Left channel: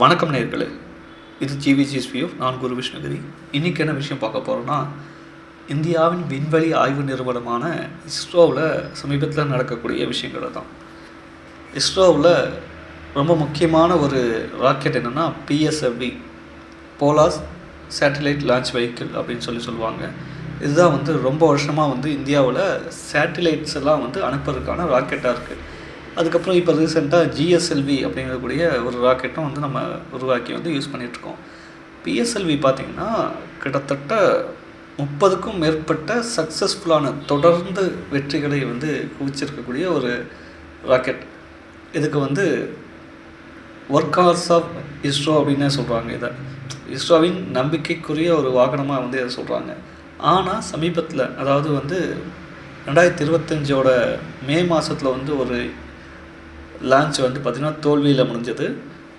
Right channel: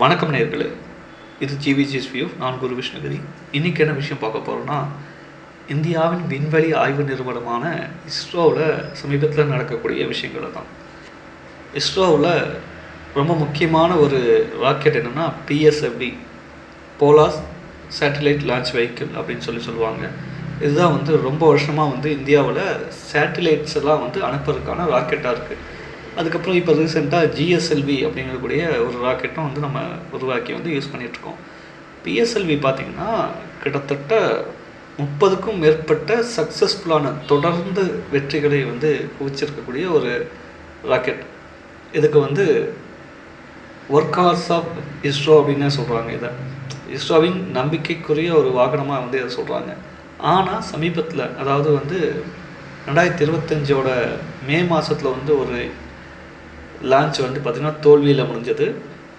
வணக்கம் நேயர்களே, இது ஜிவிஜிஎஸ் வியூ. நான் குரு விஷ்ணுகிரி. இன்றைக்கி என்ன விஷயம் பார்க்க போகிறோன்னா, இந்தியாவின் விண்வெளி ஆய்வு நிறுவனமான இஸ்ரோவில் சமீபத்தில் நடக்கக்கூடிய விஷயங்கள் தான். இஸ்ரோவில் ரொம்ப முக்கியமான ஒரு ராக்கெட் என்னென்னா PSLV, polar satellite launch vehicle அப்படின்னு சொல்லுவாங்க. இதுதான் ரொம்ப வருஷமாக இந்தியாவில் சேட்டிலைட்ஸ் எல்லாம் அனுப்புறதுக்கான ராக்கெட்டாக இருக்குது. அதுக்கப்புறம் இப்போ ரீசெண்டாக ஜிஎஸ்எல்வி அப்படிங்கக்கூடிய ஒரு ராக்கெட்டும் நம்ம உருவாக்கி யூஸ் பண்ணிகிட்ருக்கோம். பிஎஸ்எல்வி பார்த்திங்கன்னா கிட்டத்தட்ட 30க்கும் மேற்பட்ட சக்ஸஸ்ஃபுல்லான தொடர்ந்து வெற்றிகளை குவிச்சிருக்கக்கூடிய ஒரு ராக்கெட். இதுக்கு ஒர்க் ஹார்ஸ் ஆஃப் இஸ்ரோ அப்படின்னே சொல்கிறாங்க. இதை இஸ்ரோவின் நம்பிக்கைக்குரிய ஒரு வாகனமாக இதை சொல்கிறாங்க. ஆனால் சமீபத்தில், அதாவது 2025 மே மாதத்தில் ஒரு லான்ச் பார்த்திங்கன்னா தோல்வியில் முடிஞ்சது.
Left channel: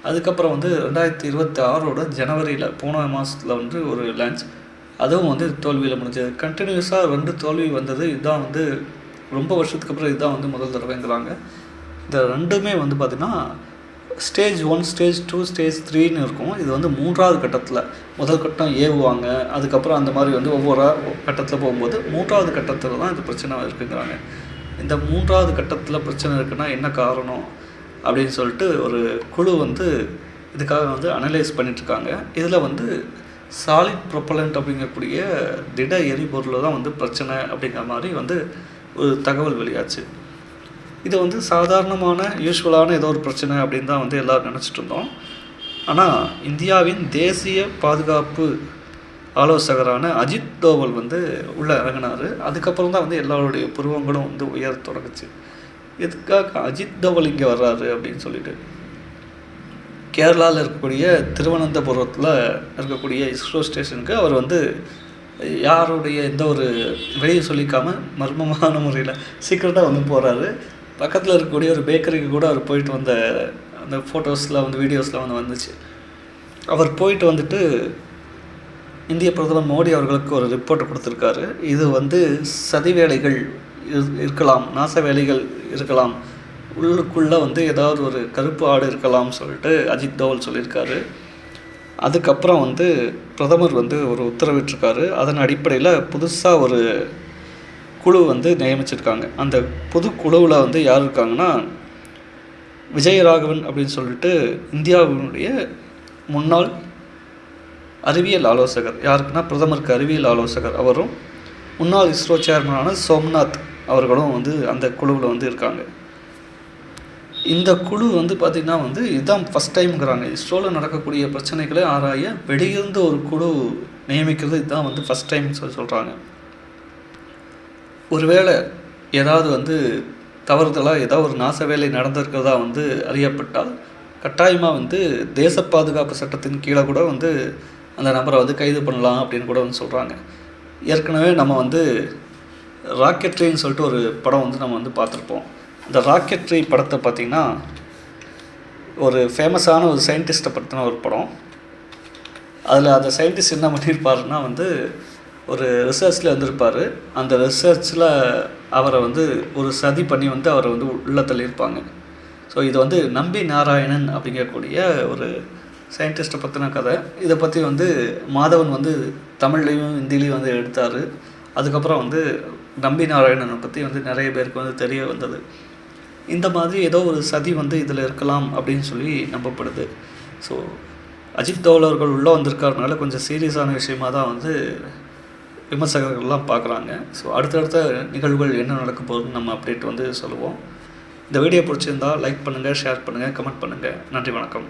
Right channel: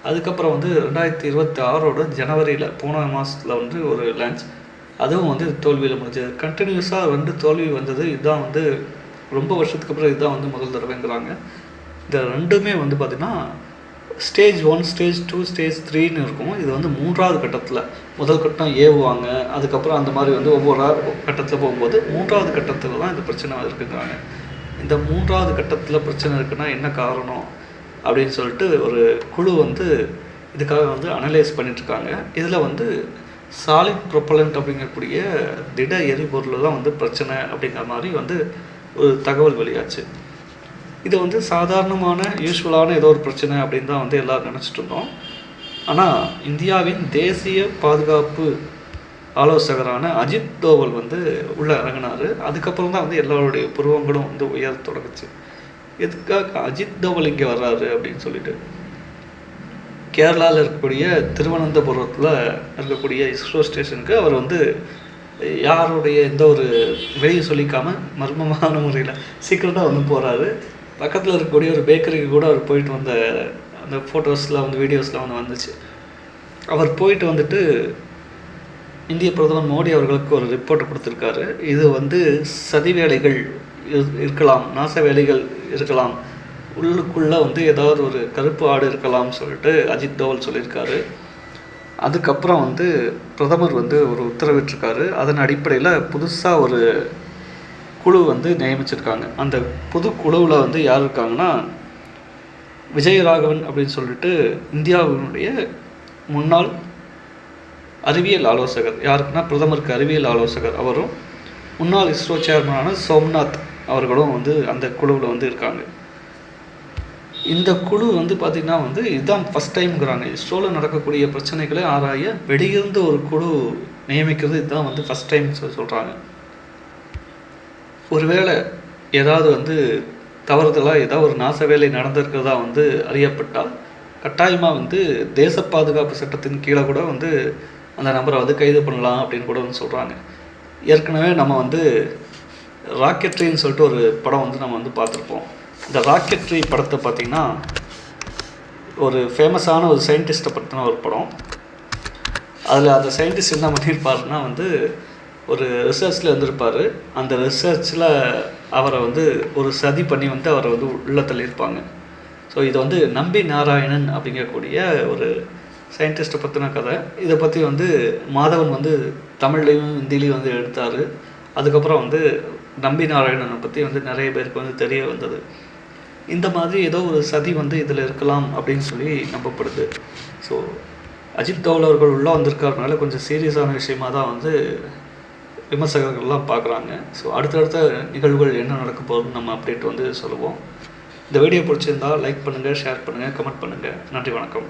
அதுக்கப்புறம் 2026 ஜனவரியில் போன மாதத்தில் ஒரு லான்ச், அதுவும் தோல்வியில் முடிஞ்சது. கண்டினியூஸாக 2 தோல்வி வந்தது. இதுதான் ரொம்ப வருஷத்துக்கு அப்புறம் இதுதான் முதல் தடவைங்கிறாங்க. இந்த ரெண்டுமே பார்த்திங்கன்னா ஸ்டேஜ் 1, ஸ்டேஜ் 2, ஸ்டேஜ் 3ன்னு இருக்கும். இது 3வது கட்டத்தில், முதல் கட்டம் ஏவுவாங்க, அதுக்கப்புறம் அந்த மாதிரி ஒவ்வொரு கட்டத்தில் போகும்போது 3வது கட்டத்தில் தான் இந்த பிரச்சனை இருக்குங்கிறாங்க. இந்த 3வது கட்டத்தில் பிரச்சனை இருக்குன்னா என்ன காரணம் அப்படின்னு சொல்லிட்டு ஒரு குழு இதுக்காக அனலைஸ் பண்ணிட்டுருக்காங்க. இதில் சாலிட் ப்ரொப்பலண்ட் அப்படிங்கக்கூடிய திட எரிபொருள் தான் பிரச்சனை அப்படிங்கிற மாதிரி ஒரு தகவல் வெளியாச்சு. இது சாதாரணமான யூஸ்வலான ஏதோ ஒரு பிரச்சனை அப்படின்னு தான் எல்லோரும் நினச்சிட்டு இருந்தோம். ஆனால் இந்தியாவின் தேசிய பாதுகாப்பு ஆலோசகரான அஜித் தோவல் உள்ளே இறங்கினார். அதுக்கப்புறம் தான் எல்லாருடைய புருவங்களும் உயர தொடங்குச்சு. எதுக்காக அஜித் தோவல் இங்கே வர்றாரு அப்படின்னு சொல்லிட்டு, கேரளாவில் இருக்கக்கூடிய திருவனந்தபுரத்தில் இருக்கக்கூடிய இஸ்ரோ ஸ்டேஷனுக்கு அவர் யாருடைய எந்த ஒரு வெளியே சொல்லிக்காமல் மர்மமான முறையில் சீக்கிரட்டாக போகிறாரு. பக்கத்தில் இருக்கக்கூடிய ஒரு பேக்கரிக்கு கூட அவர் போயிட்டு வந்த அந்த ஃபோட்டோஸ்லாம் வீடியோஸ்லாம் வந்துச்சு. அவர் போயிட்டு இந்திய பிரதமர் மோடி அவர்களுக்கு ஒரு ரிப்போர்ட் கொடுத்துருக்காரு. இது சதி வேலைகள் இருக்கலாம், நாச வேலைகள் இருக்கலாம், உள்ளுக்குள்ளே ஏதாவது ஒரு கருப்பு ஆடு இருக்கலாம்னு சொல்லிட்டு அஜித் தோவல் சொல்லியிருக்காரு. அதுக்கப்புறம் பிரதமர் ஒரு உத்தரவிட்டிருக்காரு. அதன் அடிப்படையில் புதுசாக ஒரு குழு நியமிச்சிருக்காங்க. அந்த புது குழுவில் யார் இருக்காங்கன்னா, விஜயராகவன் அப்படின்னு சொல்லிட்டு இந்தியாவினுடைய முன்னாள் அறிவியல் ஆலோசகர், யாருக்குன்னா பிரதமருக்கு அறிவியல் ஆலோசகர் அவரும், முன்னாள் இஸ்ரோ சேர்மனான சோம்நாத் அவர்களும் அந்த குழுவில் இருக்காங்க. இந்த குழு பார்த்திங்கன்னா இதுதான் ஃபஸ்ட் டைம்ங்கிறாங்க. இஸ்ரோவில் நடக்கக்கூடிய பிரச்சனைகளை ஆராய வெளியிருந்து ஒரு குழு நியமிக்கிறது இதுதான் ஃபஸ்ட் டைம் சொல்கிறாங்க. ஒருவேளை ஏதாவது தவறுதலாக ஏதாவது ஒரு நாச வேலை நடந்திருக்கிறதா அறியப்பட்டால் கட்டாயமாக தேச பாதுகாப்பு சட்டத்தின் கீழே கூட அந்த நபரை கைது பண்ணலாம் அப்படின்னு கூட சொல்கிறாங்க. ஏற்கனவே நம்ம ராக்கெட்ரின்னு சொல்லிட்டு ஒரு படம் நம்ம பார்த்துருப்போம். இந்த ராக்கெட்ரி படத்தை பார்த்திங்கன்னா ஒரு ஃபேமஸான ஒரு சயின்டிஸ்ட்டை பற்றின ஒரு படம். அதில் அந்த சயின்டிஸ்ட் என்ன பண்ணியிருப்பாருன்னா ஒரு ரிசர்ச்சில் இருந்திருப்பார். அந்த ரிசர்ச்சில் அவரை ஒரு சதி பண்ணி அவரை உள்ளே தள்ளியிருப்பாங்க. ஸோ இது நம்பி நாராயணன் அப்படிங்கக்கூடிய ஒரு சயின்டிஸ்ட்டை பற்றின கதை. இதை பற்றி மாதவன் தமிழ்லேயும் ஹிந்திலையும் எடுத்தார். அதுக்கப்புறம் நம்பி நாராயணனை பற்றி நிறைய பேருக்கு தெரிய வந்தது. இந்த மாதிரி ஏதோ ஒரு சதி இதில் இருக்கலாம் அப்படின்னு சொல்லி நம்பப்படுது. ஸோ அஜித் தோவல் அவர்கள் உள்ளே வந்திருக்கிறதுனால கொஞ்சம் சீரியஸான விஷயமாக தான் விமர்சகர்கள்லாம் பார்க்குறாங்க. ஸோ அடுத்தடுத்த நிகழ்வுகள் என்ன நடக்க போகுதுன்னு நம்ம அப்டேட் சொல்லுவோம். இந்த வீடியோ பிடிச்சிருந்தால் லைக் பண்ணுங்கள், ஷேர் பண்ணுங்கள், கமெண்ட் பண்ணுங்கள். நன்றி, வணக்கம்.